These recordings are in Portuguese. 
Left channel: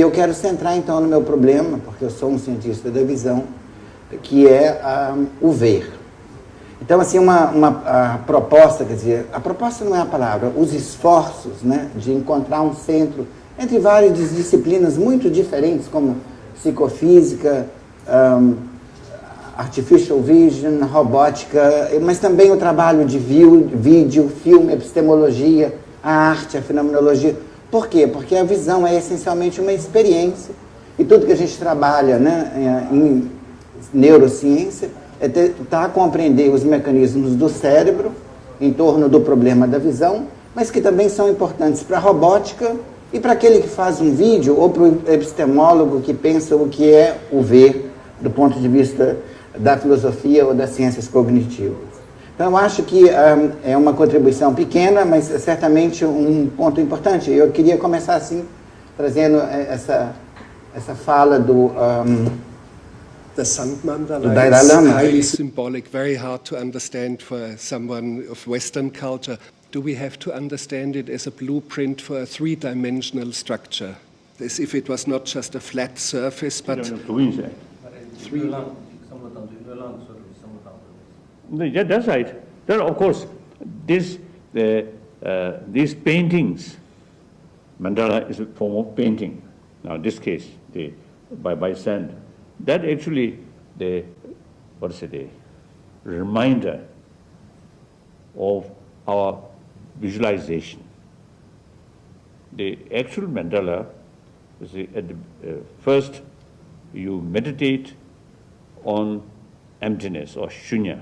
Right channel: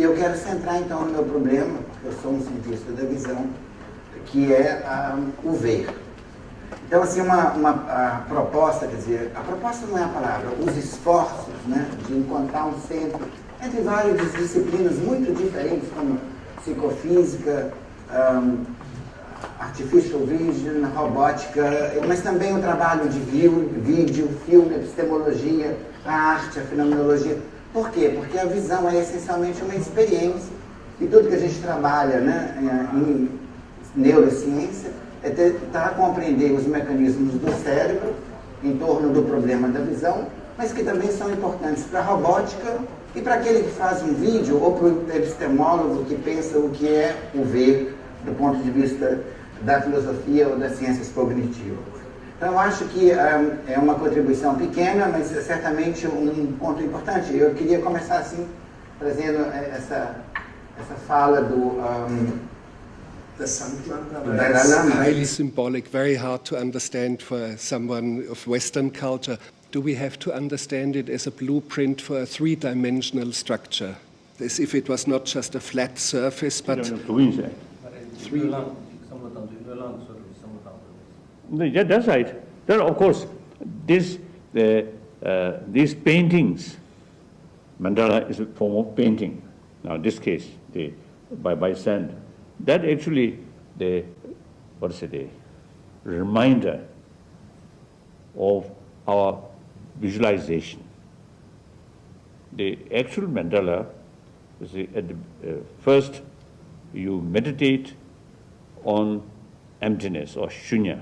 E eu quero centrar então no meu problema, porque eu sou um cientista da visão, que é o ver. Então, assim, a proposta, quer dizer, a proposta não é a palavra, os esforços, né, de encontrar um centro entre várias disciplinas muito diferentes, como psicofísica, artificial vision, robótica, mas também o trabalho de vídeo, filme, epistemologia, a arte, a fenomenologia. Por quê? Porque a visão é essencialmente uma experiência, e tudo que a gente trabalha, né, em neurociência é tentar compreender os mecanismos do cérebro em torno do problema da visão, mas que também são importantes para a robótica e para aquele que faz um vídeo, ou para o epistemólogo que pensa o que é o ver do ponto de vista da filosofia ou das ciências cognitivas. Então, eu acho que é uma contribuição pequena, mas é certamente um ponto importante. Eu queria começar assim, trazendo essa fala do Dalai Lama. Highly symbolic, very hard to understand for someone of Western culture. Do we have to understand it as a blueprint for a three-dimensional structure? As if it was not just a flat surface, but Yeah, that's right. There, of course, these paintings, mandala is a form of painting. Now, in this case, by sand, that actually the reminder of our visualization. The actual mandala is at the, first you meditate on emptiness or shunya.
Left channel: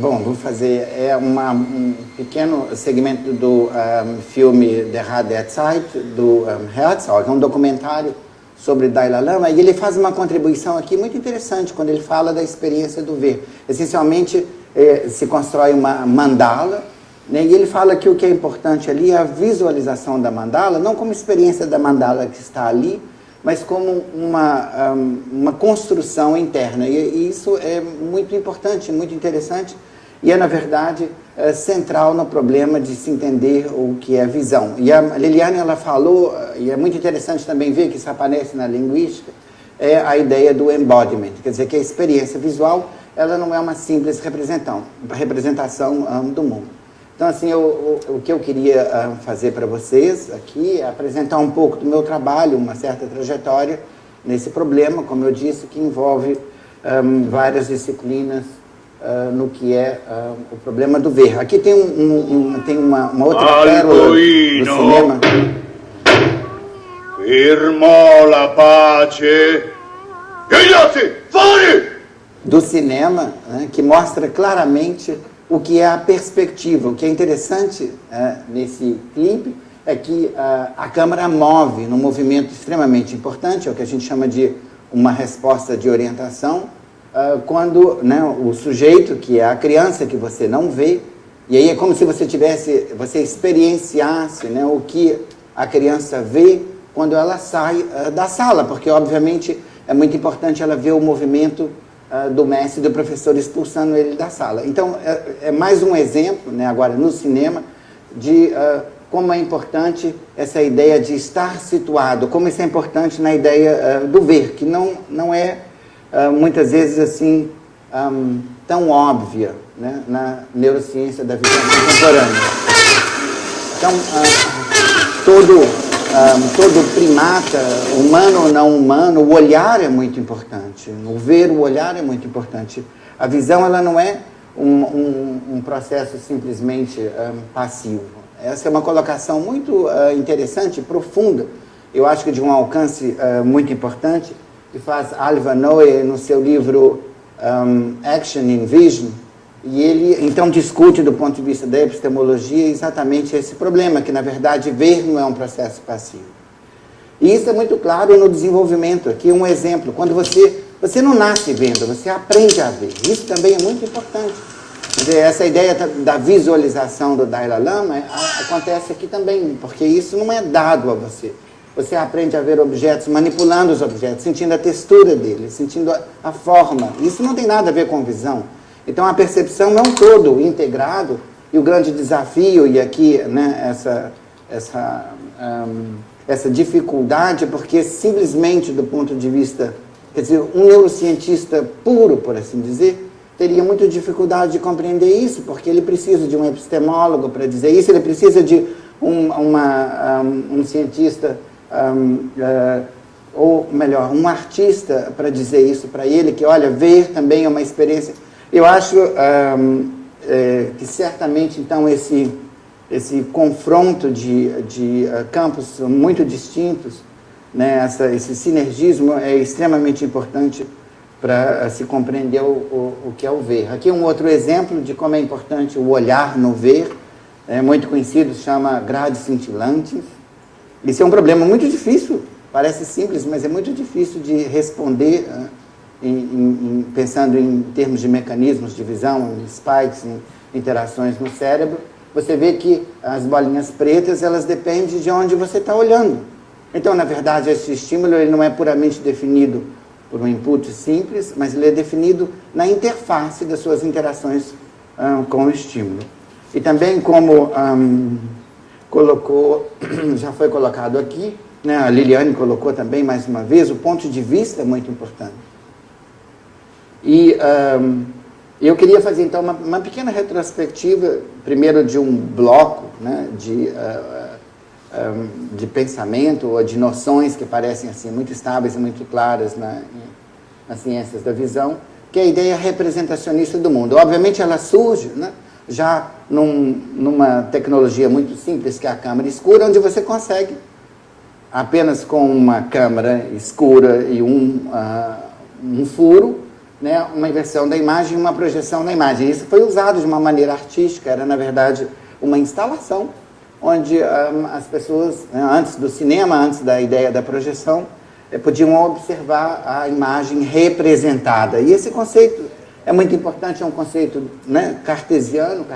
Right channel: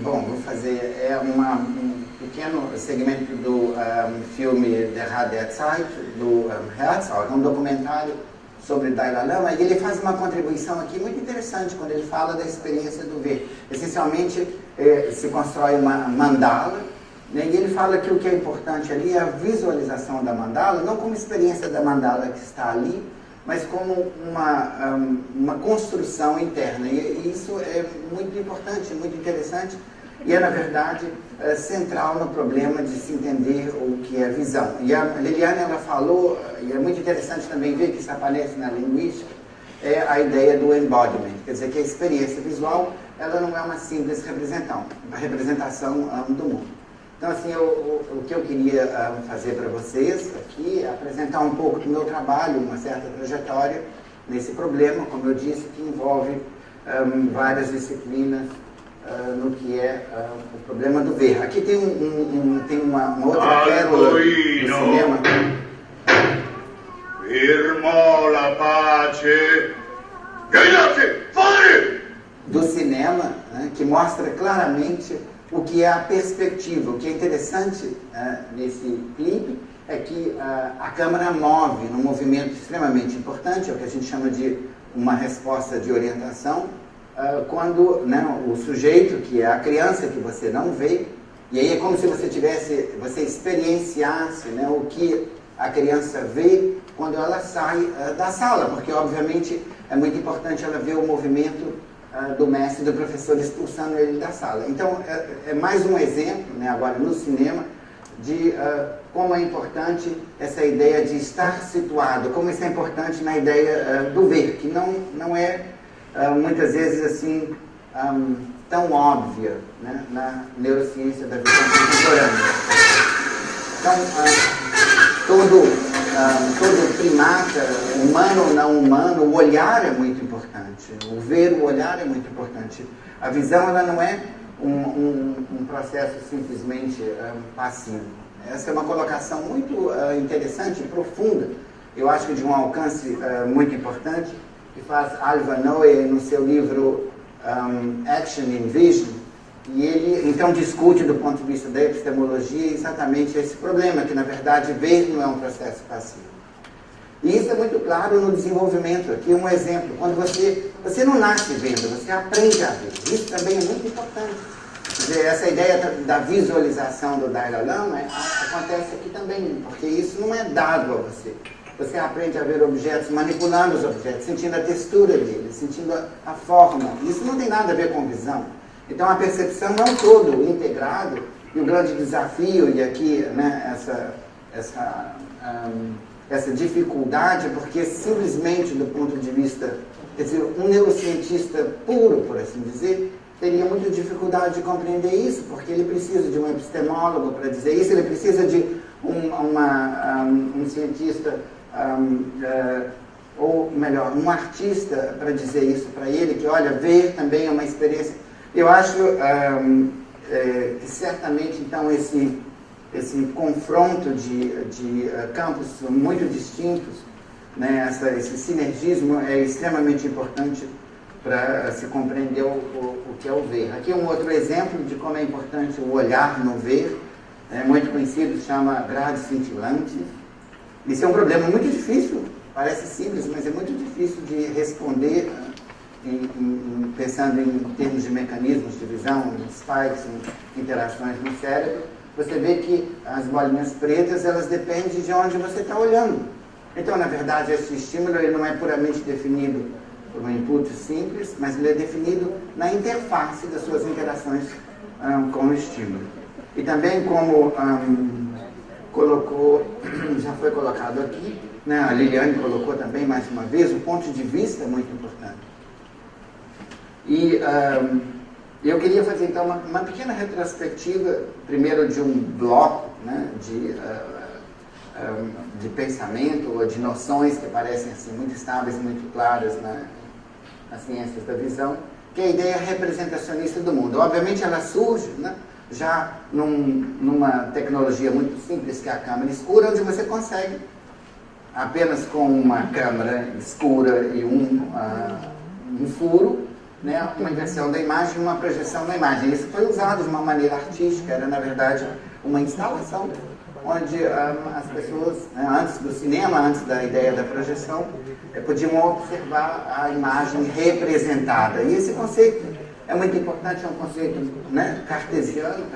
Bom, vou fazer um pequeno segmento do filme Der Rat der Zeit, do Herzog, um documentário sobre Dalai Lama, e ele faz uma contribuição aqui muito interessante quando ele fala da experiência do ver. Essencialmente, se constrói uma mandala, né, e ele fala que o que é importante ali é a visualização da mandala, não como experiência da mandala que está ali, mas como uma construção interna. E isso é muito importante, muito interessante, e é, na verdade, central no problema de se entender o que é visão. E a Liliane, ela falou, e é muito interessante também ver que isso aparece na linguística, é a ideia do embodiment, quer dizer, que a experiência visual, ela não é uma simples representação do mundo. Então, assim, o que eu queria fazer para vocês aqui é apresentar um pouco do meu trabalho, uma certa trajetória nesse problema, como eu disse, que envolve várias disciplinas no que é o problema do ver. Aqui tem, tem uma outra pérola do cinema. Firmo la pace. Do cinema, né, que mostra claramente o que é a perspectiva. O que é interessante nesse clipe é que a câmera move num movimento extremamente importante, é o que a gente chama de uma resposta de orientação, quando, né, o sujeito, que é a criança que você não vê, e aí é como se você experienciasse, né, o que a criança vê quando ela sai da sala, porque obviamente é muito importante ela ver o movimento do mestre e do professor expulsando ele da sala. Então, é mais um exemplo, né, agora no cinema, de como é importante essa ideia de estar situado, como isso é importante na ideia do ver, que não é, muitas vezes, assim, tão óbvia, né, na neurociência da visão contemporânea. Então, todo primata, humano ou não humano, o olhar é muito importante. O ver, o olhar é muito importante. A visão, ela não é um processo simplesmente passivo. Essa é uma colocação muito interessante, profunda, eu acho que de um alcance muito importante, que faz Alva Noe no seu livro Action in Vision, e ele então discute do ponto de vista da epistemologia exatamente esse problema, que na verdade ver não é um processo passivo. E isso é muito claro no desenvolvimento. Aqui um exemplo, quando você não nasce vendo, você aprende a ver. Isso também é muito importante. Quer dizer, essa ideia da visualização do Dalai Lama acontece aqui também, porque isso não é dado a você. Você aprende a ver objetos, manipulando os objetos, sentindo a textura deles, sentindo a forma. Isso não tem nada a ver com visão. Então, a percepção é um todo integrado, e o grande desafio, e aqui, né, essa dificuldade, porque simplesmente do ponto de vista, quer dizer, um neurocientista puro, por assim dizer, teria muita dificuldade de compreender isso, porque ele precisa de um epistemólogo para dizer isso, ele precisa de um cientista, ou melhor, um artista para dizer isso para ele, que, olha, ver também é uma experiência. Eu acho que certamente, então, esse confronto de campos muito distintos, né, esse sinergismo é extremamente importante para se compreender o que é o ver. Aqui um outro exemplo de como é importante o olhar no ver, é muito conhecido, se chama grades cintilantes. Isso é um problema muito difícil, parece simples, mas é muito difícil de responder, pensando em termos de mecanismos de visão, em spikes, em interações no cérebro. Você vê que as bolinhas pretas, elas dependem de onde você está olhando. Então, na verdade, esse estímulo ele não é puramente definido por um input simples, mas ele é definido na interface das suas interações com o estímulo. E também, como já foi colocado aqui, né, a Liliane colocou também mais uma vez, o ponto de vista é muito importante. E eu queria fazer então uma pequena retrospectiva, primeiro de um bloco, né, de pensamento ou de noções que parecem assim, muito estáveis e muito claras nas ciências da visão, que é a ideia representacionista do mundo. Obviamente ela surge, né, já numa tecnologia muito simples, que é a câmera escura, onde você consegue, apenas com uma câmera escura e um furo, né, uma inversão da imagem e uma projeção da imagem. Isso foi usado de uma maneira artística, era na verdade uma instalação onde as pessoas, né, antes do cinema, antes da ideia da projeção, podiam observar a imagem representada. E esse conceito é muito importante, é um conceito, né, cartesiano,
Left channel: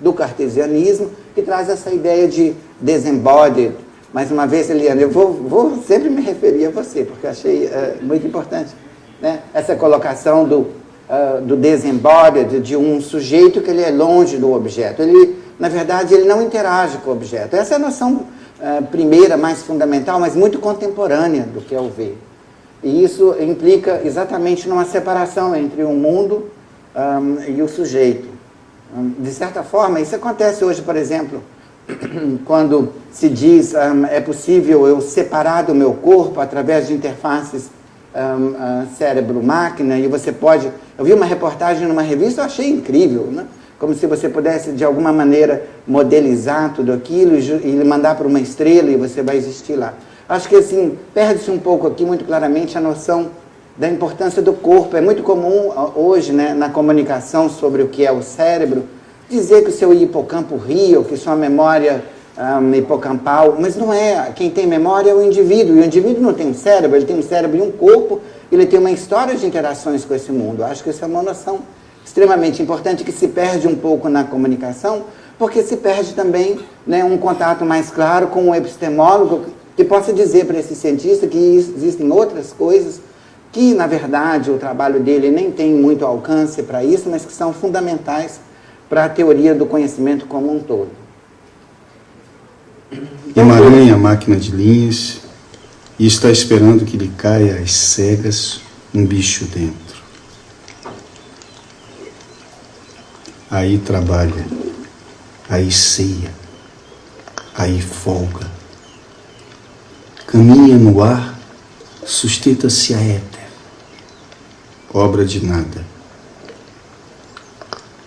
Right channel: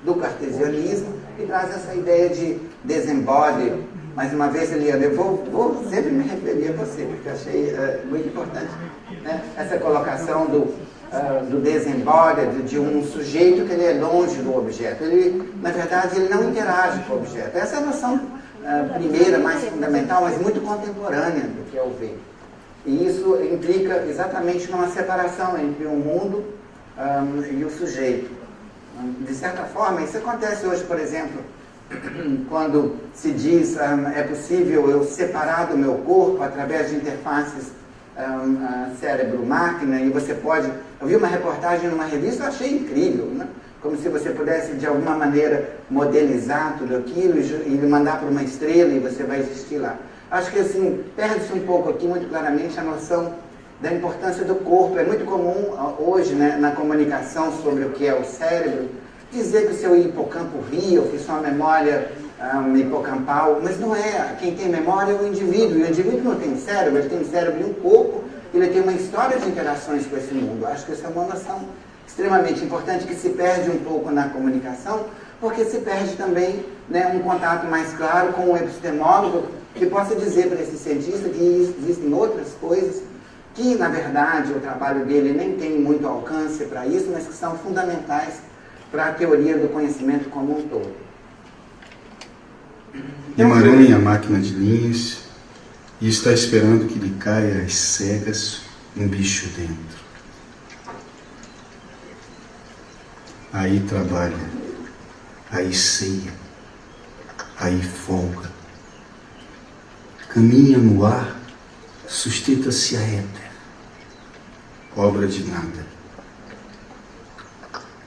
do cartesianismo, que traz essa ideia de disembodied. Mais uma vez, Eliana, eu vou sempre me referir a você, porque eu achei muito importante, né, essa colocação do disembodied, de um sujeito que ele é longe do objeto. Ele, na verdade, ele não interage com o objeto. Essa é a noção primeira, mais fundamental, mas muito contemporânea do que é o ver. E isso implica exatamente numa separação entre o mundo e o sujeito. De certa forma, isso acontece hoje, por exemplo, quando se diz é possível eu separar do meu corpo através de interfaces cérebro-máquina, e você pode... Eu vi uma reportagem numa revista, eu achei incrível, né? Como se você pudesse, de alguma maneira, modelizar tudo aquilo e mandar para uma estrela e você vai existir lá. Acho que, assim, perde-se um pouco aqui, muito claramente, a noção da importância do corpo. É muito comum hoje, né, na comunicação sobre o que é o cérebro, dizer que o seu hipocampo ri, ou que sua memória hipocampal, mas não é. Quem tem memória é o indivíduo, e o indivíduo não tem um cérebro, ele tem um cérebro e um corpo, ele tem uma história de interações com esse mundo. Acho que isso é uma noção extremamente importante, que se perde um pouco na comunicação, porque se perde também, né, um contato mais claro com o epistemólogo, que possa dizer para esse cientista que existem outras coisas que, na verdade, o trabalho dele nem tem muito alcance para isso, mas que são fundamentais para a teoria do conhecimento como um todo. Emaranha a máquina de linhas e está esperando que lhe caia às cegas um bicho dentro. Aí trabalha, aí ceia, aí folga. Caminha no ar, sustenta-se a éter. Obra de nada.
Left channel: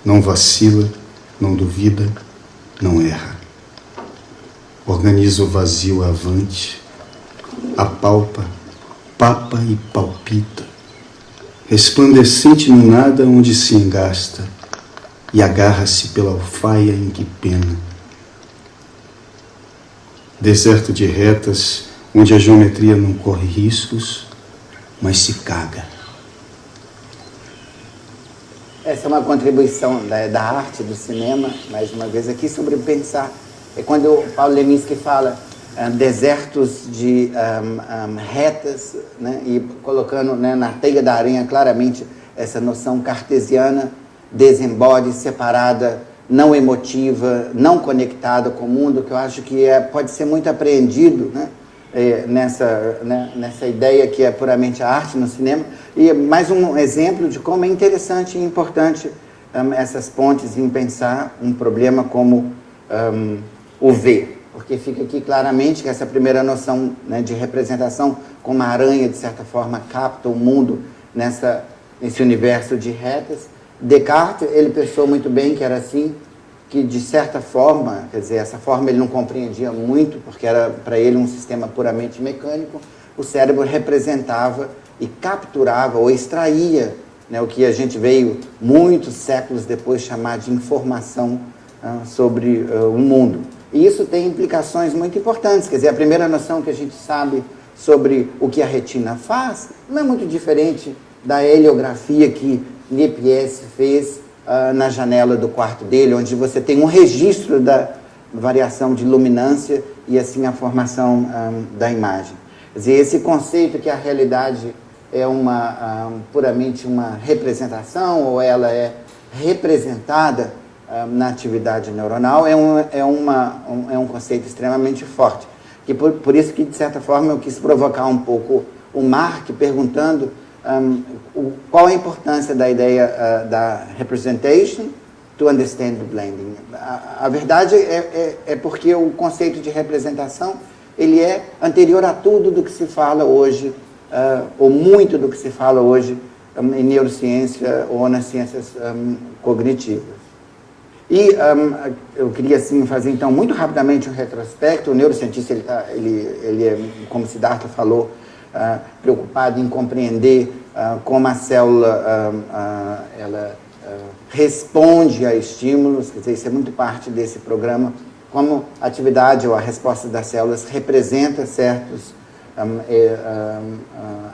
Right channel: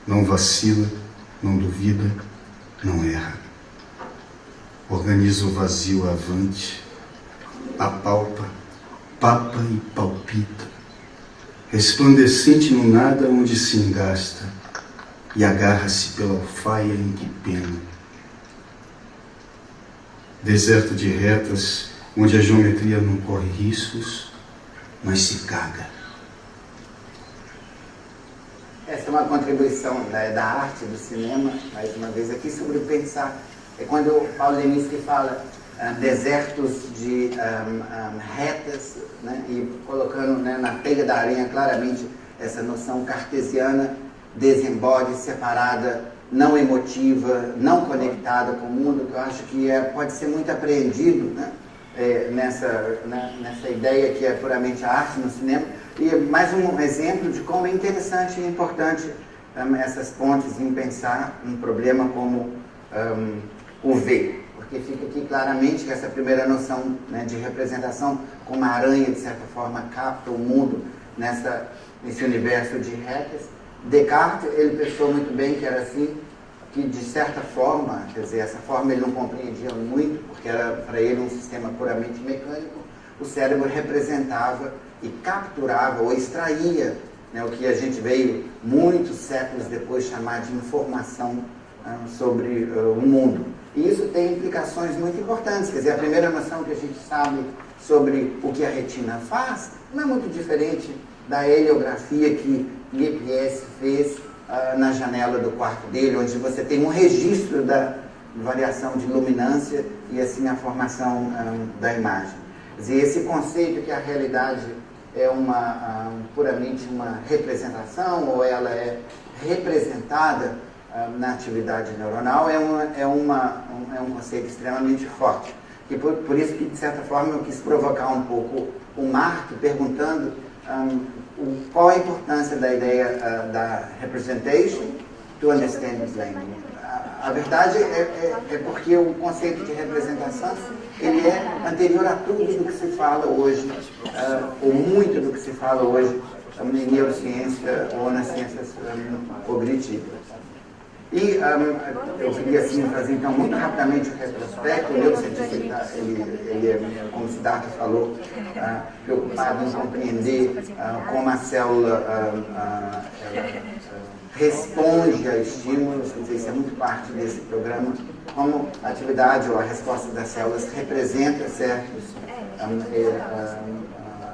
Não vacila, não duvida, não erra. Organiza o vazio avante, apalpa, papa e palpita, resplandecente no nada onde se engasta, e agarra-se pela alfaia em que pena. Deserto de retas, onde a geometria não corre riscos, mas se caga. Essa é uma contribuição da arte, do cinema, mais uma vez aqui, sobre pensar. É quando o Paulo Leminski fala desertos de retas, né, e colocando, né, na teia da aranha claramente essa noção cartesiana, desembode, separada não emotiva, não conectada com o mundo, que eu acho que pode ser muito apreendido, né? Nessa ideia que é puramente a arte no cinema. E mais um exemplo de como é interessante e importante essas pontes em pensar um problema como o ver. Porque fica aqui claramente que essa primeira noção, né, de representação, como a aranha, de certa forma, capta o mundo nesse universo de retas. Descartes, ele pensou muito bem que era assim, que de certa forma, quer dizer, essa forma ele não compreendia muito, porque era para ele um sistema puramente mecânico, o cérebro representava e capturava ou extraía, né, o que a gente veio muitos séculos depois chamar de informação sobre o mundo. E isso tem implicações muito importantes, quer dizer, a primeira noção que a gente sabe sobre o que a retina faz não é muito diferente da heliografia que Lippies fez na janela do quarto dele, onde você tem um registro da variação de luminância e assim a formação da imagem. Quer dizer, esse conceito que a realidade é puramente uma representação, ou ela é representada na atividade neuronal, é um conceito extremamente forte. E por isso que, de certa forma, eu quis provocar um pouco o Mark perguntando qual a importância da ideia da representation to understand the blending. A verdade é porque o conceito de representação ele é anterior a tudo do que se fala hoje, ou muito do que se fala hoje em neurociência ou nas ciências cognitivas. E eu queria assim, fazer então muito rapidamente um retrospecto. O neurocientista ele como Siddhartha falou, preocupado em compreender como a célula ela responde a estímulos, quer dizer, isso é muito parte desse programa, como a atividade ou a resposta das células representa certos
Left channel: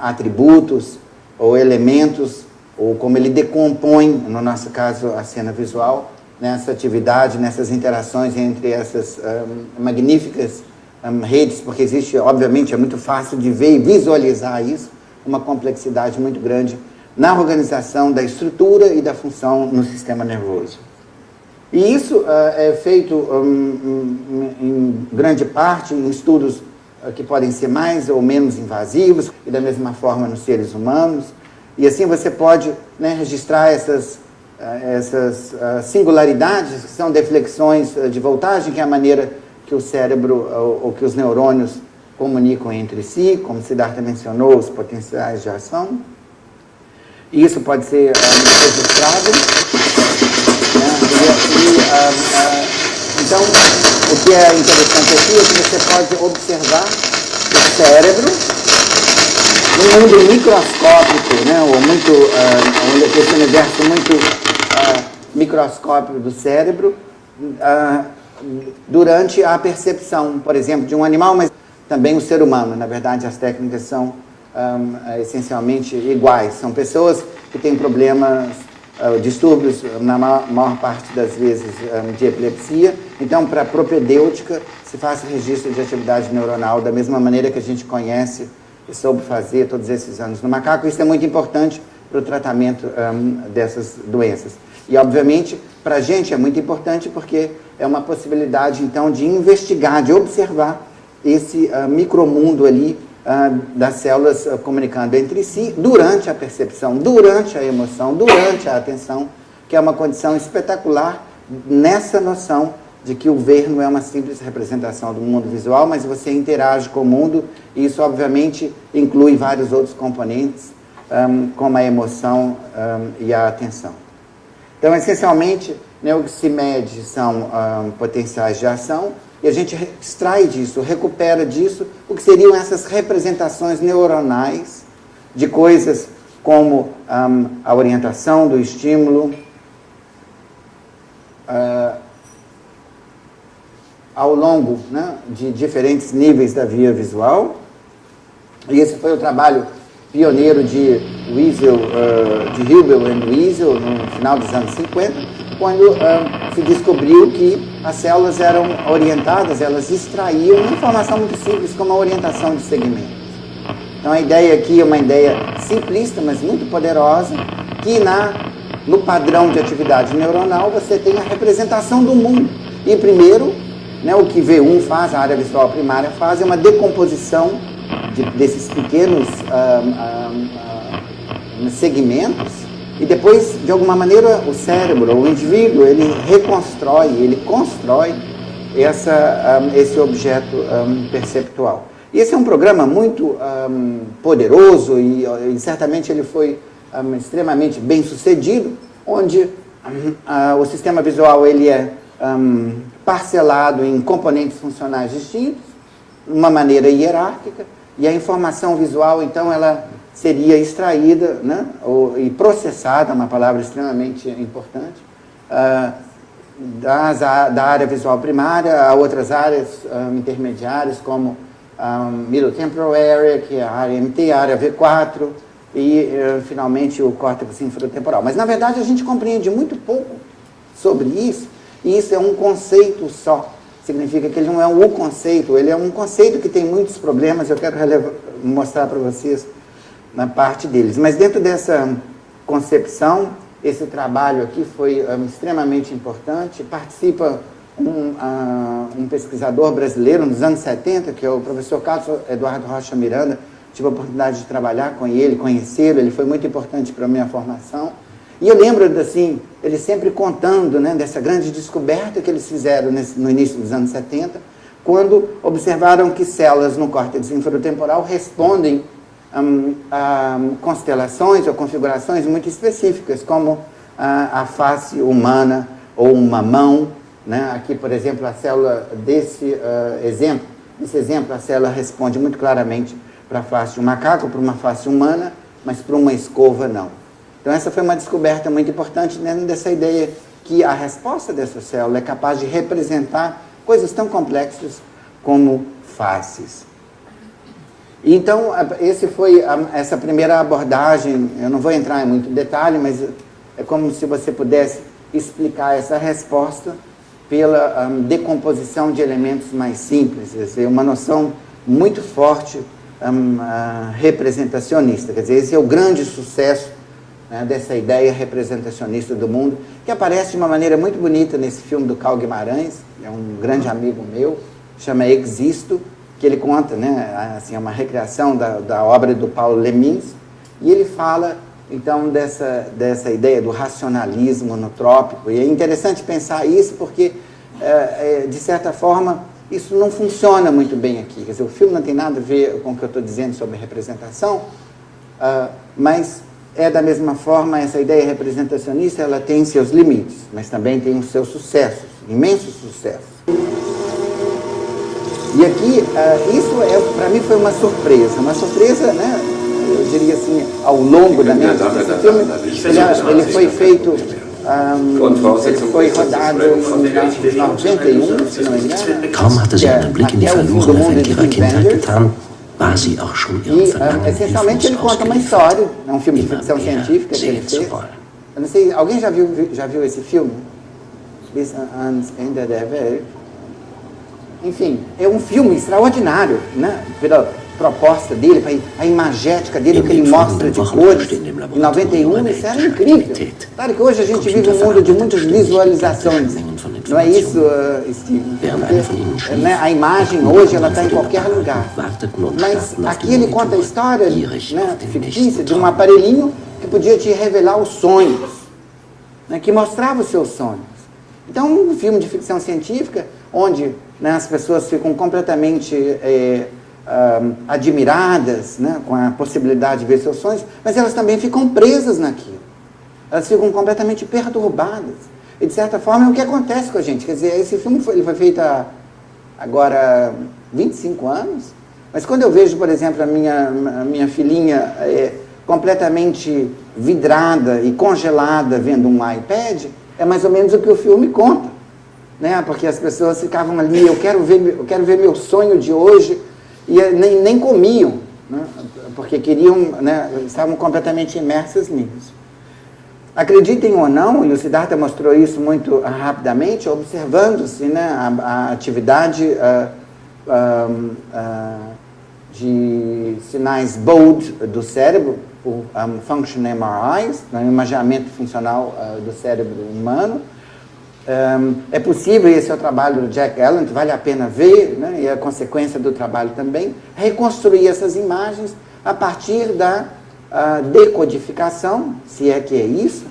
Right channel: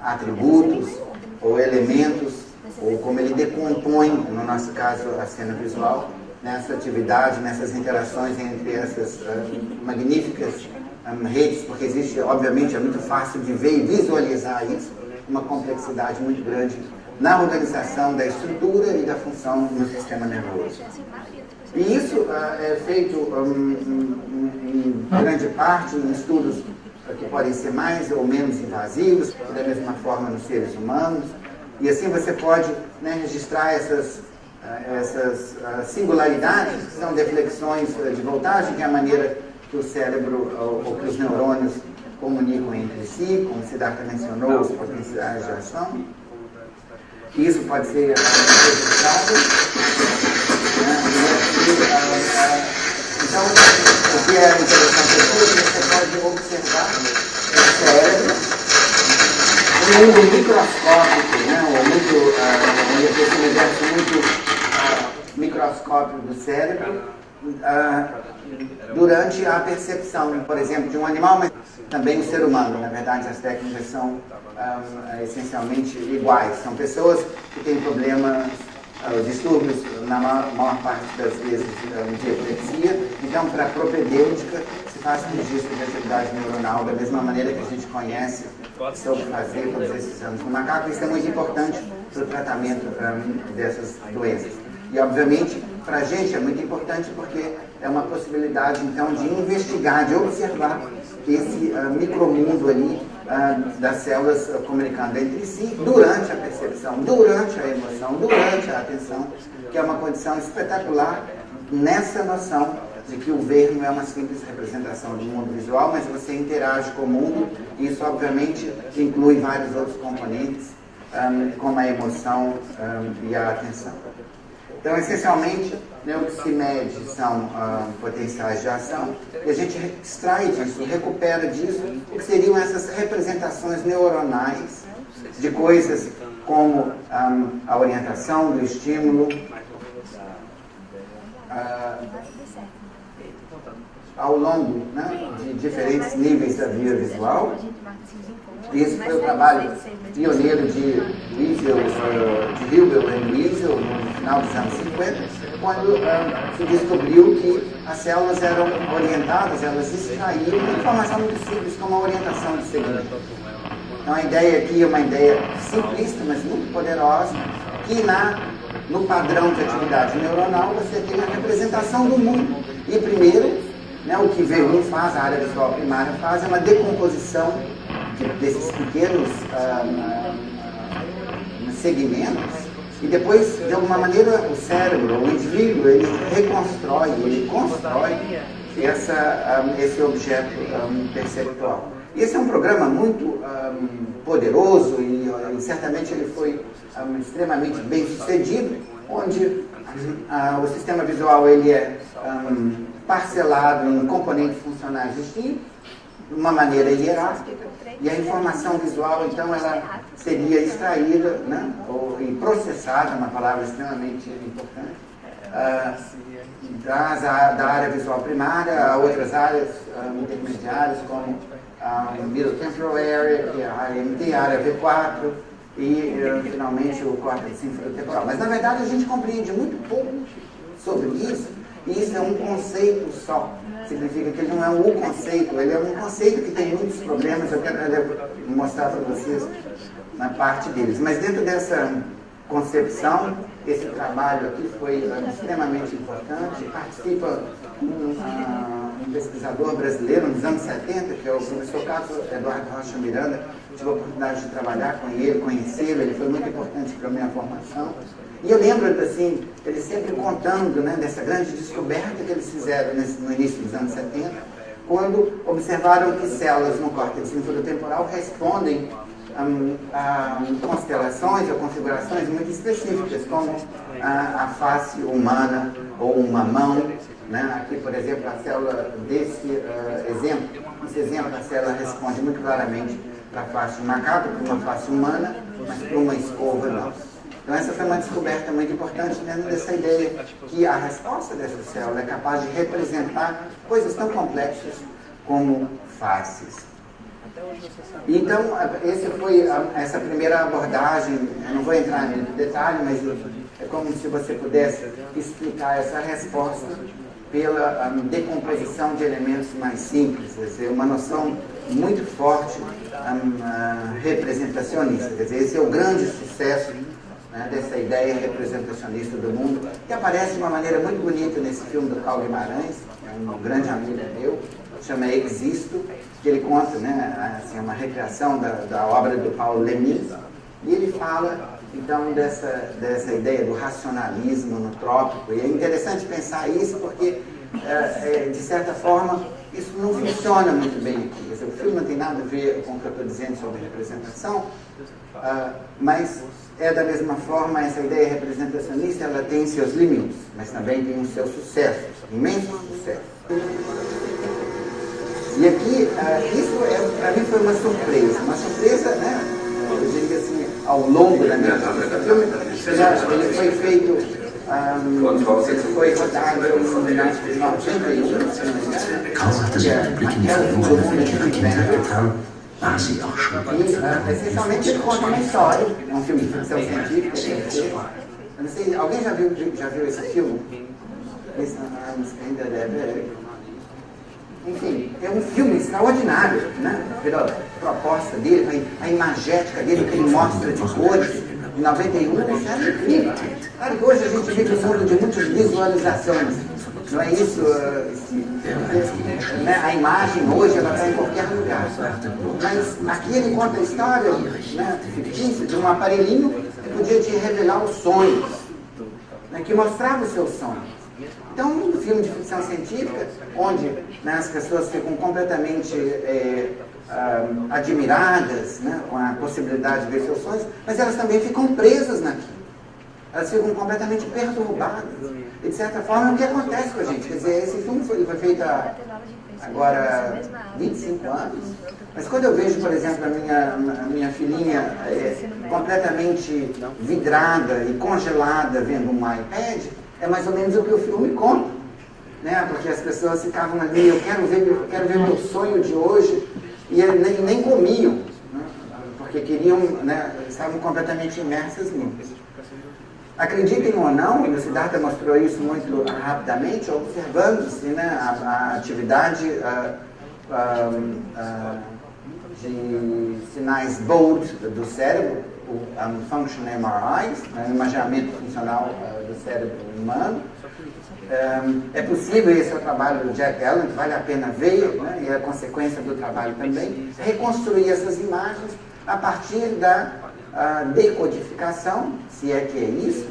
atributos ou elementos, ou como ele decompõe, no nosso caso, a cena visual, nessa atividade, nessas interações entre essas magníficas redes, porque existe, obviamente, é muito fácil de ver e visualizar isso, uma complexidade muito grande na organização da estrutura e da função no sistema nervoso. E isso é feito em grande parte em estudos que podem ser mais ou menos invasivos, e da mesma forma nos seres humanos, e assim você pode, né, registrar essas singularidades, que são deflexões de voltagem, que é a maneira que o cérebro ou que os neurônios comunicam entre si, como Siddhartha mencionou, os potenciais de ação. E isso pode ser registrado. Então, o que é interessante aqui é que você pode observar o cérebro num mundo microscópico, né, ou muito, esse universo muito microscópico do cérebro, durante a percepção, por exemplo, de um animal, mas também o ser humano. Na verdade, as técnicas são essencialmente iguais. São pessoas que têm problemas, distúrbios, na maior parte das vezes, de epilepsia. Então, para a propedêutica, se faz o registro de atividade neuronal da mesma maneira que a gente conhece e soube fazer todos esses anos no macaco. Isso é muito importante para o tratamento dessas doenças. E, obviamente, para a gente é muito importante porque é uma possibilidade, então, de investigar, de observar esse micromundo ali das células comunicando entre si durante a percepção, durante a emoção, durante a atenção, que é uma condição espetacular nessa noção de que o ver não é uma simples representação do mundo visual, mas você interage com o mundo, e isso, obviamente, inclui vários outros componentes, como a emoção e a atenção. Então, essencialmente, né, o que se mede são potenciais de ação, e a gente extrai disso, recupera disso, o que seriam essas representações neuronais de coisas como a orientação do estímulo, ao longo, né, de diferentes níveis da via visual. E esse foi o trabalho pioneiro de Wiesel, de Hubel e Wiesel, no final dos anos 50, quando se descobriu que as células eram orientadas, elas extraíam uma informação muito simples, como a orientação de segmento. Então a ideia aqui é uma ideia simplista, mas muito poderosa, que na no padrão de atividade neuronal, você tem a representação do mundo. E primeiro, né, o que V1 faz, a área visual primária faz, é uma decomposição desses pequenos segmentos, e depois, de alguma maneira, o cérebro, o indivíduo, ele reconstrói, ele constrói esse objeto perceptual. E esse é um programa muito poderoso e certamente ele foi extremamente bem sucedido, onde o sistema visual ele é parcelado em componentes funcionais distintos, de uma maneira hierárquica, e a informação visual, então, ela seria extraída, né, e processada, uma palavra extremamente importante, da área visual primária a outras áreas intermediárias, como Middle Temporal Area, que é a área MT, a área V4, e finalmente o córtex infratemporal. Mas, na verdade, a gente compreende muito pouco sobre isso, e isso é um conceito só. Significa que ele não é um conceito, ele é um conceito que tem muitos problemas, eu quero mostrar para vocês na parte deles. Mas dentro dessa concepção, esse trabalho aqui foi extremamente importante. Participa um pesquisador brasileiro nos anos 70, que é o professor Carlos Eduardo Rocha Miranda. Tive a oportunidade de trabalhar com ele, conhecê-lo, ele foi muito importante para a minha formação. E eu lembro, assim, ele sempre contando, né, dessa grande descoberta que eles fizeram no início dos anos 70, quando observaram que células no córtex infratemporal respondem a constelações ou configurações muito específicas, como a face humana ou uma mão, né? Aqui, por exemplo, a célula desse exemplo, a célula responde muito claramente para a face de um macaco, para uma face humana, mas para uma escova não. Então essa foi uma descoberta muito importante dentro dessa ideia que a resposta dessa célula é capaz de representar coisas tão complexas como faces. Então, essa primeira abordagem, eu não vou entrar em muito detalhe, mas é como se você pudesse explicar essa resposta pela decomposição de elementos mais simples, quer dizer, uma noção muito forte representacionista. Quer dizer, esse é o grande sucesso, né, dessa ideia representacionista do mundo, que aparece de uma maneira muito bonita nesse filme do Carl Guimarães, é um grande amigo meu, chama Existo, que ele conta, né, assim, uma recriação da obra do Paulo Leminski, e ele fala, então, dessa ideia do racionalismo no trópico. E é interessante pensar isso porque, de certa forma, isso não funciona muito bem aqui. Quer dizer, o filme não tem nada a ver com o que eu estou dizendo sobre representação, mas da mesma forma, essa ideia representacionista, ela tem seus limites, mas também tem os seus sucessos, imensos sucessos. E aqui, isso para mim foi uma surpresa, né? Eu diria assim, ao longo da minha vida. Esse filme, ele foi feito, ele foi rodado em 91, se não me engano. Kaum hatte sie einen Blick in die Verlorene ihrer Kindheit getan, war sie auch schon ihrem Verlangen essencialmente ele conta uma história, é um filme de ficção científica que ele fez. Eu não sei, alguém já viu esse filme? This Ende der Welt. Enfim, é um filme extraordinário, né? Pela proposta dele, a imagética dele, o que ele mostra de cores. Em 91, isso era incrível. Claro que hoje a gente vive um mundo de muitas visualizações. Não é isso, Steve? Porque, né, a imagem hoje ela está em qualquer lugar. Mas aqui ele conta a história, né, fictícia de um aparelhinho que podia te revelar os sonhos, né, que mostrava os seus sonhos. Então, um filme de ficção científica, onde, né, as pessoas ficam completamente admiradas, né, com a possibilidade de ver seus sonhos, mas elas também ficam presas naquilo. Elas ficam completamente perturbadas. E, de certa forma, é o que acontece com a gente. Quer dizer, esse filme foi feito há agora 25 anos, mas quando eu vejo, por exemplo, a minha filhinha completamente vidrada e congelada vendo um iPad, é mais ou menos o que o filme conta, né? Porque as pessoas ficavam ali, eu quero ver meu sonho de hoje, e nem comiam, né? Porque queriam, né, estavam completamente imersas nisso. Acreditem ou não, e o Siddhartha mostrou isso muito rapidamente, observando-se, né, a atividade de sinais bold do cérebro, o Function MRIs, o imaginamento funcional do cérebro humano. É possível, esse é o trabalho do Jack Allen, que vale a pena ver, né, e é a consequência do trabalho também, reconstruir essas imagens a partir da decodificação, se é que é isso,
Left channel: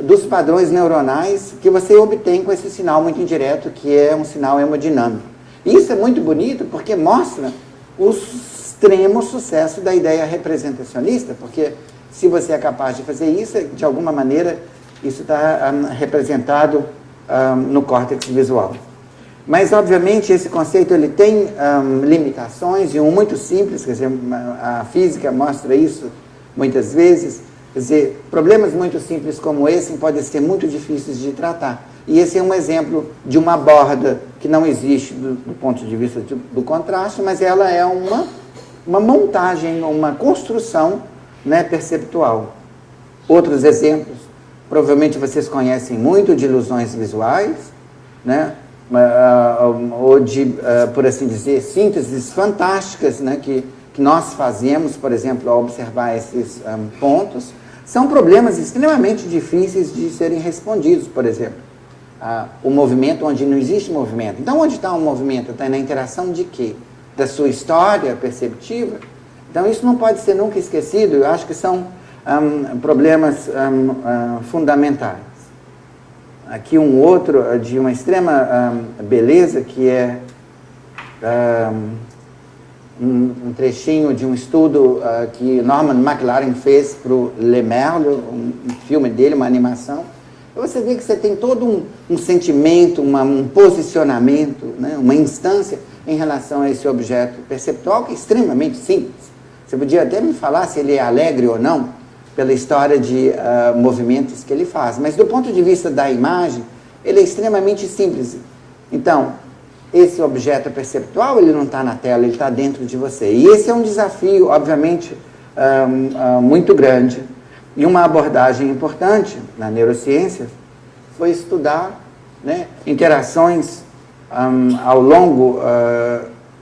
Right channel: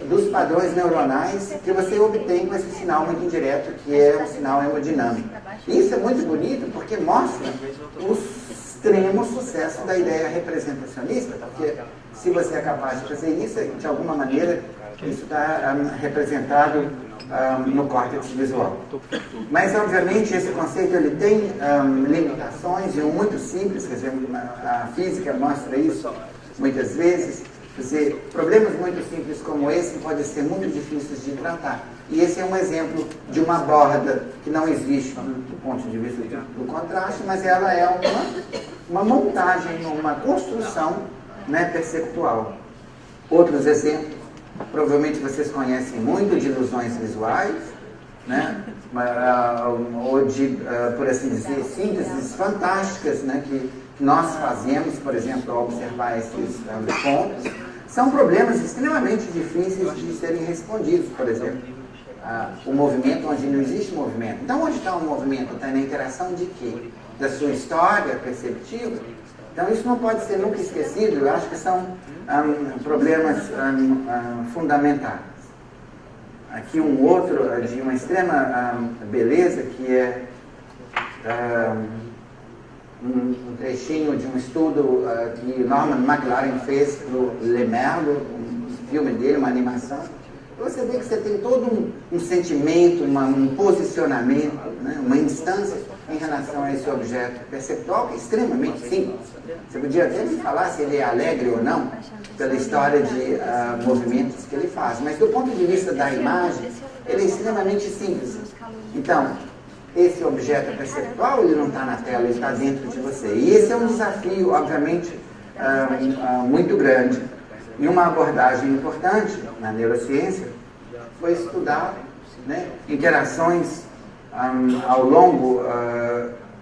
dos padrões neuronais que você obtém com esse sinal muito indireto, que é um sinal hemodinâmico. Isso é muito bonito porque mostra o extremo sucesso da ideia representacionista, porque se você é capaz de fazer isso, de alguma maneira, isso está representado no córtex visual. Mas, obviamente, esse conceito ele tem limitações, e um muito simples, quer dizer, a física mostra isso muitas vezes. Quer dizer, problemas muito simples como esse podem ser muito difíceis de tratar. E esse é um exemplo de uma borda que não existe do ponto de vista do contraste, mas ela é uma montagem, uma construção, né, perceptual. Outros exemplos, provavelmente vocês conhecem muito, de ilusões visuais, né, ou de, por assim dizer, sínteses fantásticas, né, que nós fazemos, por exemplo, ao observar esses pontos. São problemas extremamente difíceis de serem respondidos, por exemplo. O movimento onde não existe movimento. Então, onde está o movimento? Está na interação de quê? Da sua história perceptiva? Então, isso não pode ser nunca esquecido. Eu acho que são problemas fundamentais. Aqui um outro de uma extrema beleza, que é um trechinho de um estudo que Norman McLaren fez para o Le Merle, um filme dele, uma animação. Você vê que você tem todo um sentimento, um posicionamento, né, uma instância em relação a esse objeto perceptual, que é extremamente simples. Você podia até me falar se ele é alegre ou não, pela história de movimentos que ele faz. Mas do ponto de vista da imagem, ele é extremamente simples. Então, esse objeto perceptual, ele não está na tela, ele está dentro de você. E esse é um desafio, obviamente, muito grande. E uma abordagem importante na neurociência foi estudar, né, interações ao longo...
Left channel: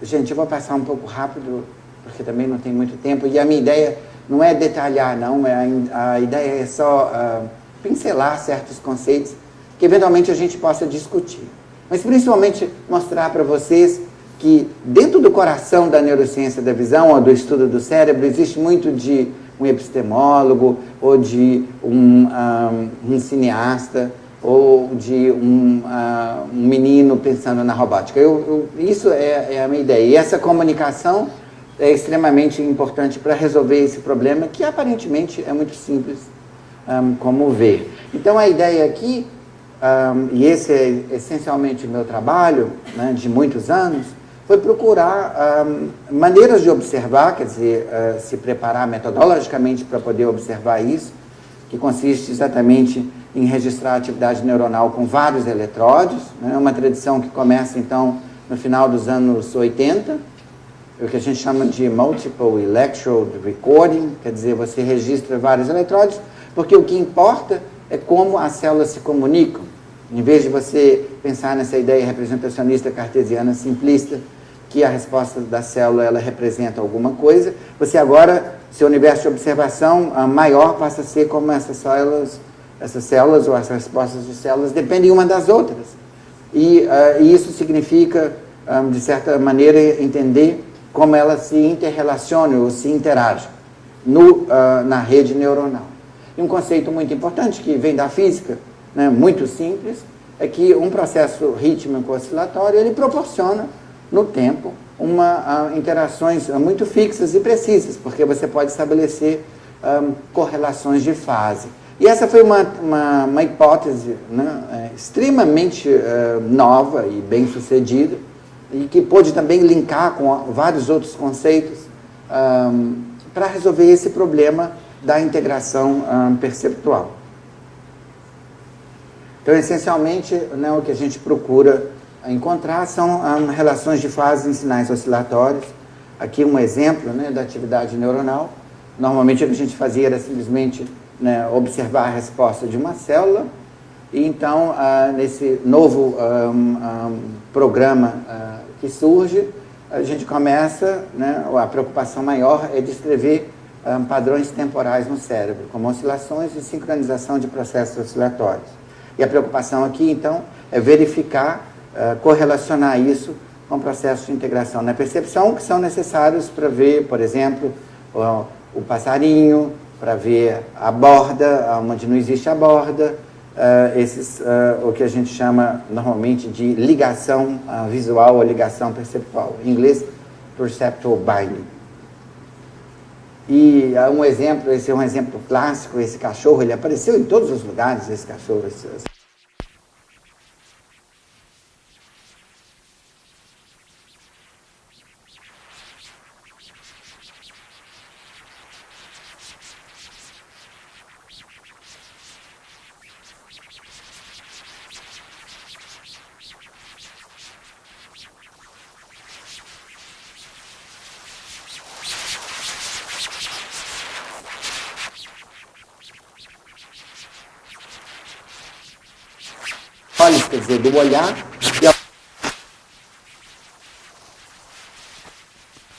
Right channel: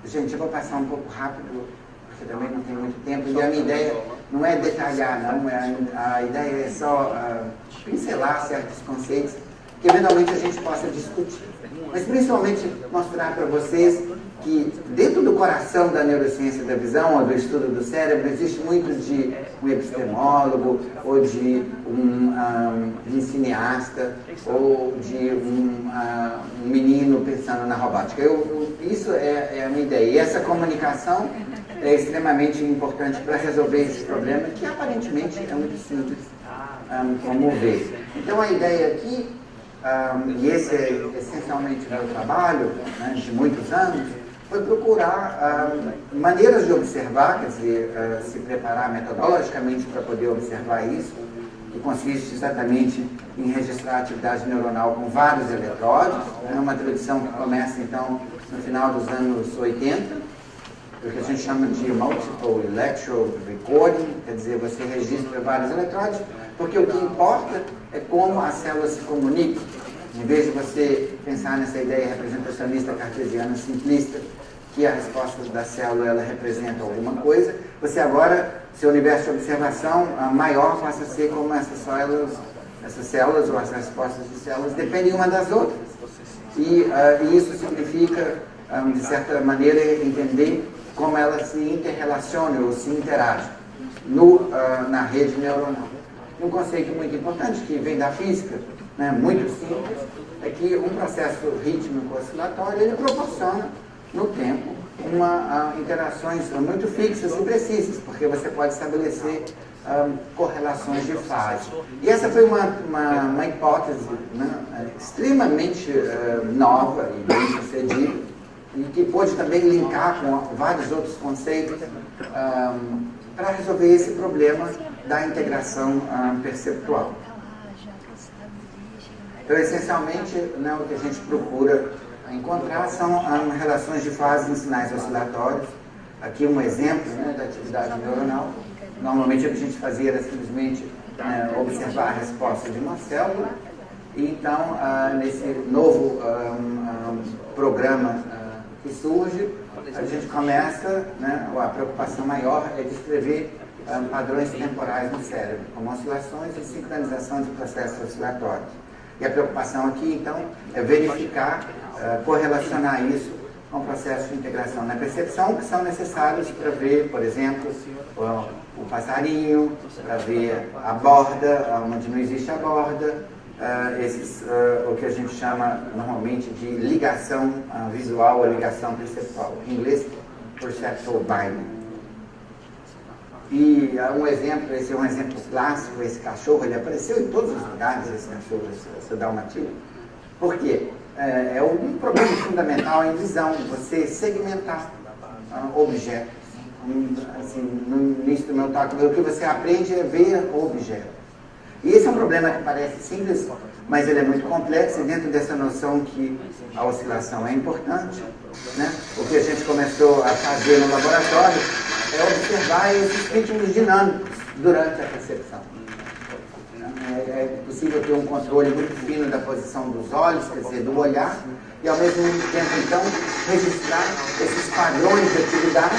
gente, eu vou passar um pouco rápido, porque também não tem muito tempo. E a minha ideia não é detalhar, não. A ideia é só pincelar certos conceitos que eventualmente a gente possa discutir. Mas principalmente mostrar para vocês que dentro do coração da neurociência da visão ou do estudo do cérebro existe muito de um epistemólogo ou de um cineasta ou de um menino pensando na robótica. Isso é a minha ideia. E essa comunicação é extremamente importante para resolver esse problema, que aparentemente é muito simples como ver. Então a ideia aqui, e esse é essencialmente o meu trabalho, né, de muitos anos, foi procurar maneiras de observar, quer dizer, se preparar metodologicamente para poder observar isso, que consiste exatamente em registrar a atividade neuronal com vários eletródios, né, uma tradição que começa então no final dos anos 80, o que a gente chama de Multiple Electrode Recording, quer dizer, você registra vários eletródios, porque o que importa é como as células se comunicam. Em vez de você pensar nessa ideia representacionista cartesiana simplista, que a resposta da célula ela representa alguma coisa, você agora, seu universo de observação maior passa a ser como essas células ou as respostas de células dependem uma das outras. E isso significa, de certa maneira, entender como elas se interrelacionam ou se interagem na rede neuronal. E um conceito muito importante que vem da física, né, muito simples, é que um processo rítmico oscilatório ele proporciona no tempo interações muito fixas e precisas, porque você pode estabelecer correlações de fase. E essa foi uma hipótese, né, extremamente nova e bem sucedida, e que pôde também linkar com vários outros conceitos para resolver esse problema da integração perceptual. Então, essencialmente, né, o que a gente procura encontrar são relações de fase em sinais oscilatórios. Aqui um exemplo, né, da atividade neuronal. Normalmente o que a gente fazia era simplesmente, né, observar a resposta de uma célula. E então, nesse novo programa que surge, a gente começa, né, a preocupação maior é descrever padrões temporais no cérebro, como oscilações e sincronização de processos oscilatórios. E a preocupação aqui, então, é verificar, correlacionar isso com processos de integração na percepção que são necessários para ver, por exemplo, o passarinho, para ver a borda, onde não existe a borda, o que a gente chama normalmente de ligação visual ou ligação perceptual. Em inglês, perceptual binding. E um exemplo, esse é um exemplo clássico, esse cachorro, ele apareceu em todos os lugares, esse cachorro, esse dalmatino. Por quê? É um problema fundamental em visão, você segmentar objetos. Assim, no início do meu talk, que você aprende a ver o objeto. E esse é um problema que parece simples, mas ele é muito complexo, dentro dessa noção que a oscilação é importante. Né? O que a gente começou a fazer no laboratório é observar esses ciclos dinâmicos durante a percepção. É possível ter um controle muito fino da posição dos olhos, quer dizer, do olhar, e ao mesmo tempo, então, registrar esses padrões de atividade,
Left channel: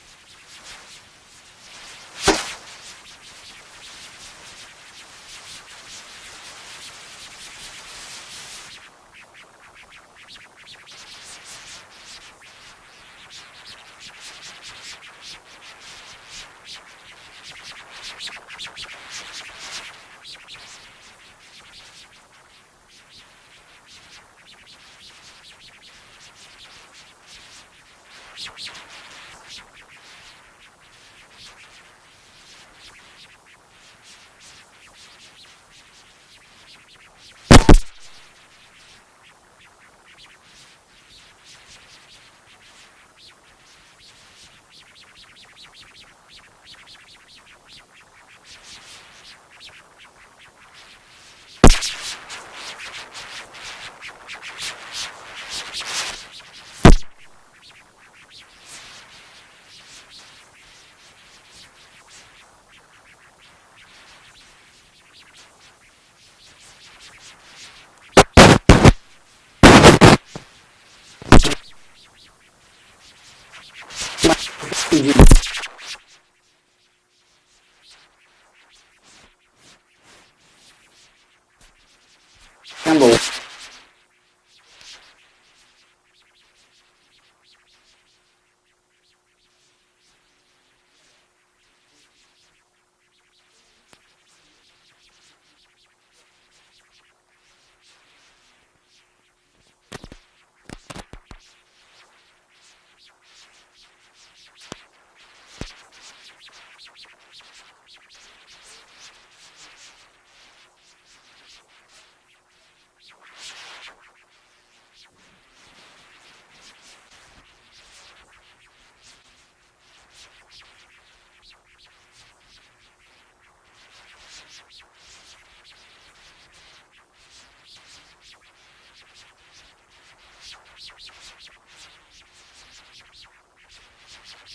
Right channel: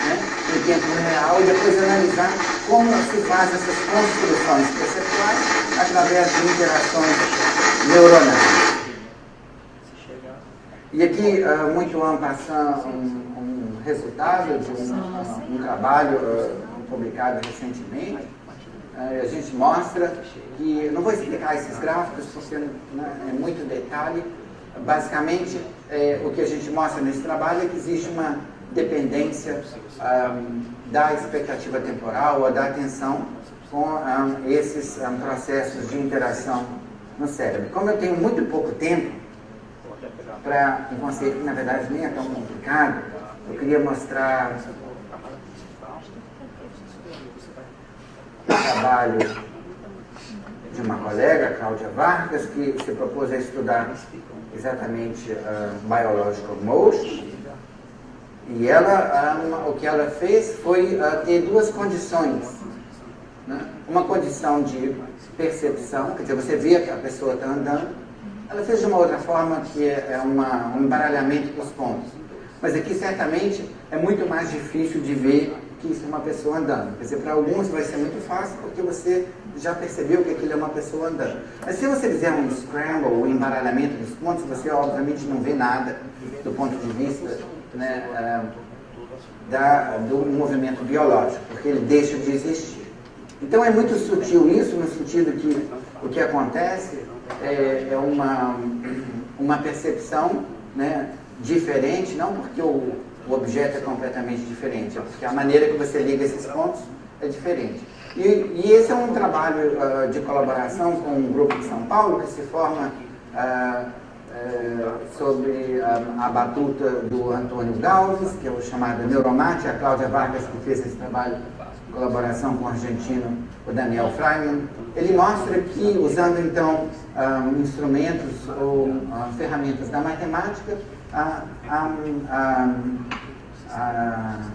né, em tempo real, e depois analisar como se faz essas construções perceptuais através de interações neuronais. E aqui, muito en passant, um resultado de um trabalho publicado recentemente. A gente mostra que, não vou explicar esses gráficos porque é muito detalhe, basicamente o que a gente mostra nesse trabalho é que existe uma dependência da expectativa temporal ou da atenção com esses processos de interação no cérebro. Como eu tenho muito pouco tempo, para um conceito que na verdade nem é tão complicado, eu queria mostrar o trabalho de uma colega, Cláudia Vargas, que se propôs a estudar exatamente Biological Mode. E ela, o que ela fez foi ter duas condições. Né? Uma condição de percepção, quer dizer, você vê que a pessoa está andando, de uma outra forma, um embaralhamento dos pontos. Mas aqui, certamente, é muito mais difícil de ver que uma pessoa andando. Quer dizer, para alguns vai ser muito fácil, porque você já percebeu que aquilo é uma pessoa andando. Mas se você fizer um scramble, um embaralhamento dos pontos, você, obviamente, não vê nada do ponto de vista, né, do movimento biológico, porque ele deixa de existir. Então, é muito sutil isso, no sentido que o que acontece é uma percepção, né, diferente, não porque o objeto é completamente diferente, é porque a maneira que você liga esses pontos é diferente. E esse é um trabalho de colaboração com um grupo de São Paulo que se forma sobre a batuta do Antônio Galves, que é o chamado Neuromate, a Cláudia Vargas, que fez esse trabalho de colaboração com o argentino, o Daniel Freiman. Ele mostra que, usando então instrumentos ou ferramentas da matemática,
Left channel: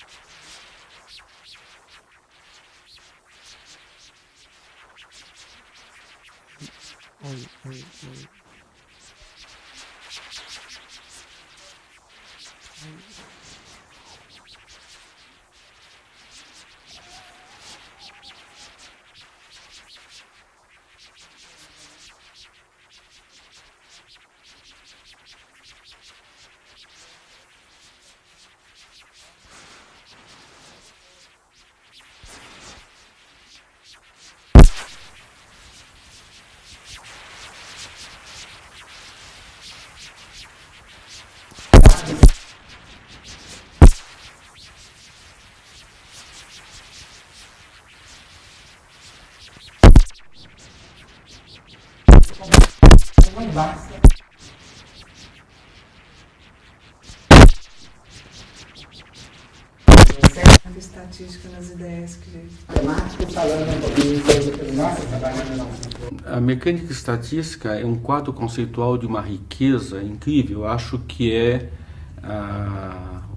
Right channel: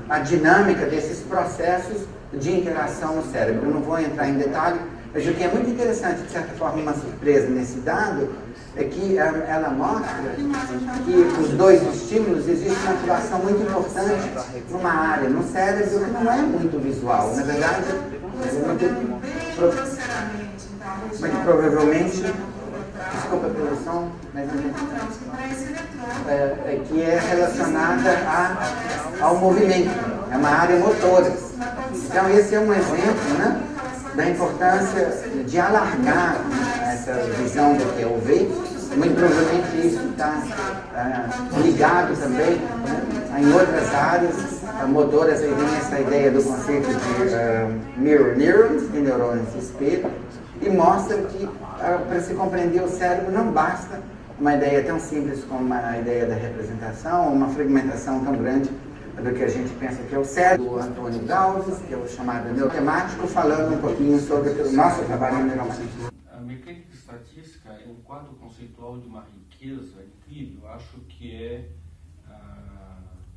a dinâmica desses processos de interação no cérebro. Eu não vou entrar em detalhe, mas o que é muito interessante, de certa forma, uma surpresa nesse dado, é que ela mostra que os dois estímulos existe uma atuação muito importante numa área, no cérebro, que não é muito visual. Na verdade, muito provavelmente, desculpa a tradução, mas que é relacionada ao movimento, é uma área motora. Então, esse é um exemplo, né, da importância de alargar essa visão do que é o ver. Muito provavelmente isso está ligado também, né, em outras áreas motoras. Aí vem essa ideia do conceito de mirror neurons, de neurônios espelhos, que mostra que para se compreender o cérebro não basta uma ideia tão simples como a ideia da representação, uma fragmentação tão grande do que a gente pensa que é o cérebro. O Antônio Galves, que é o chamado neurotemático, falando um pouquinho sobre o nosso trabalho neurotemático. A mecânica estatística é um quadro conceitual de uma riqueza incrível. Eu acho que é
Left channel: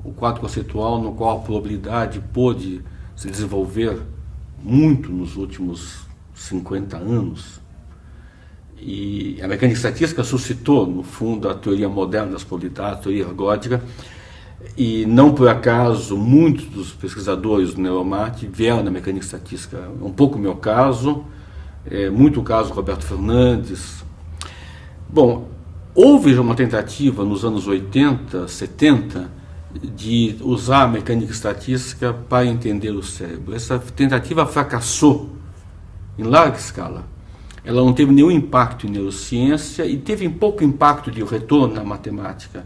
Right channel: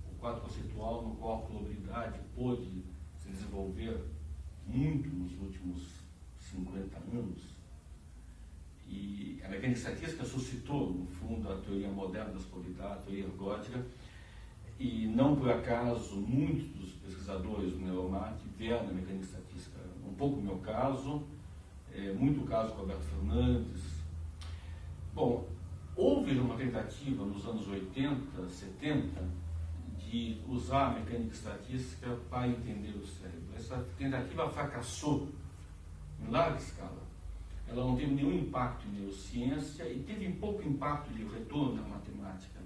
o quadro conceitual no qual a probabilidade pôde se desenvolver muito nos últimos 50 anos. E a mecânica estatística suscitou, no fundo, a teoria moderna das probabilidades, a teoria ergótica, E não por acaso, muitos dos pesquisadores do Neuromat vieram da mecânica estatística. Um pouco o meu caso, muito o caso do Roberto Fernandes. Bom, houve uma tentativa nos anos 80, 70, de usar a mecânica estatística para entender o cérebro. Essa tentativa fracassou em larga escala. Ela não teve nenhum impacto em neurociência e teve pouco impacto de retorno na matemática.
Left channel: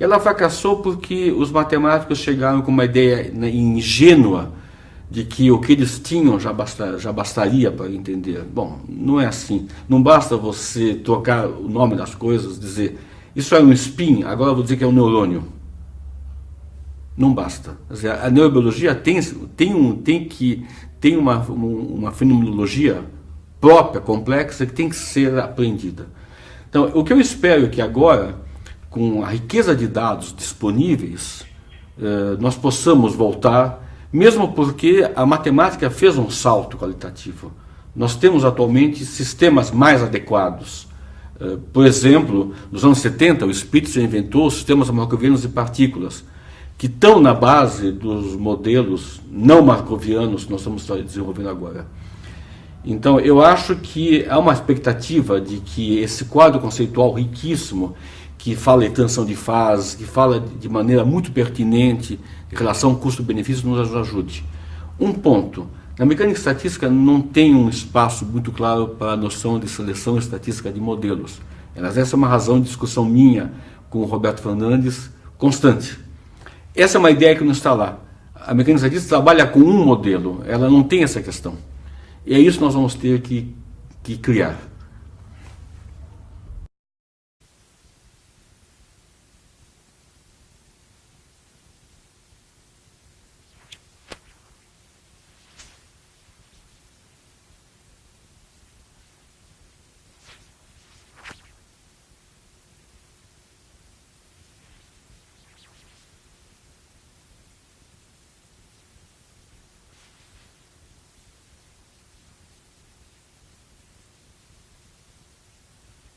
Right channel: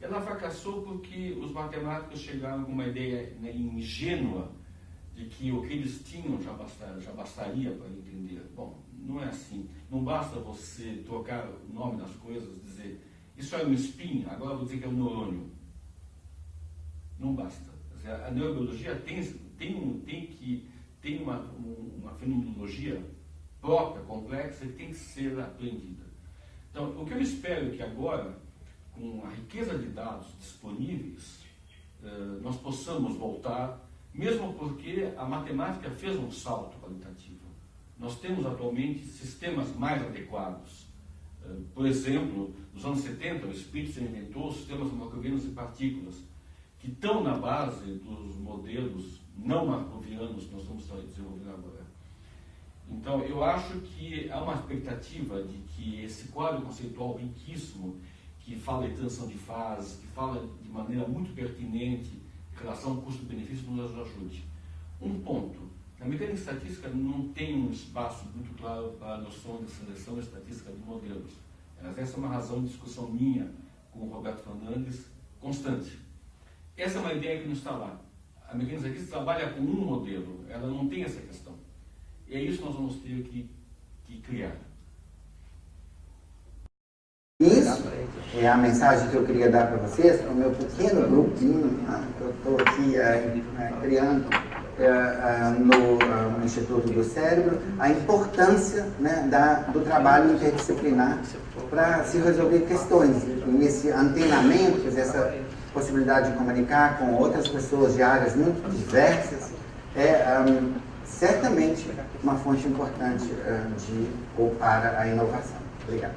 Ela fracassou porque os matemáticos chegaram com uma ideia ingênua de que o que eles tinham já bastaria para entender. Bom, não é assim. Não basta você trocar o nome das coisas, dizer isso é um spin, agora eu vou dizer que é um neurônio. Não basta. Quer dizer, a neurobiologia tem uma fenomenologia própria, complexa, que tem que ser aprendida. Então, o que eu espero é que agora, com a riqueza de dados disponíveis, nós possamos voltar, mesmo porque a matemática fez um salto qualitativo. Nós temos atualmente sistemas mais adequados. Por exemplo, nos anos 70, o Spitzer inventou os sistemas marcovianos de partículas, que estão na base dos modelos não marcovianos que nós estamos desenvolvendo agora. Então, eu acho que há uma expectativa de que esse quadro conceitual riquíssimo, que fala de transição de fases, que fala de maneira muito pertinente em relação ao custo-benefício, nos ajude. Um ponto, na mecânica estatística não tem um espaço muito claro para a noção de seleção estatística de modelos. Essa é uma razão de discussão minha com o Roberto Fernandes constante. Essa é uma ideia que não está lá. A mecânica estatística trabalha com um modelo, ela não tem essa questão. E é isso que nós vamos ter que criar. Isso é a mensagem que eu queria dar para vocês, para o meu pequeno grupinho que eu estou aqui criando no Instituto do Cérebro, a importância, né, do trabalho interdisciplinar para se resolver questões. E esse antenamento, essa possibilidade de comunicar com outras pessoas de áreas muito diversas, certamente uma fonte importante para a inovação. Obrigado.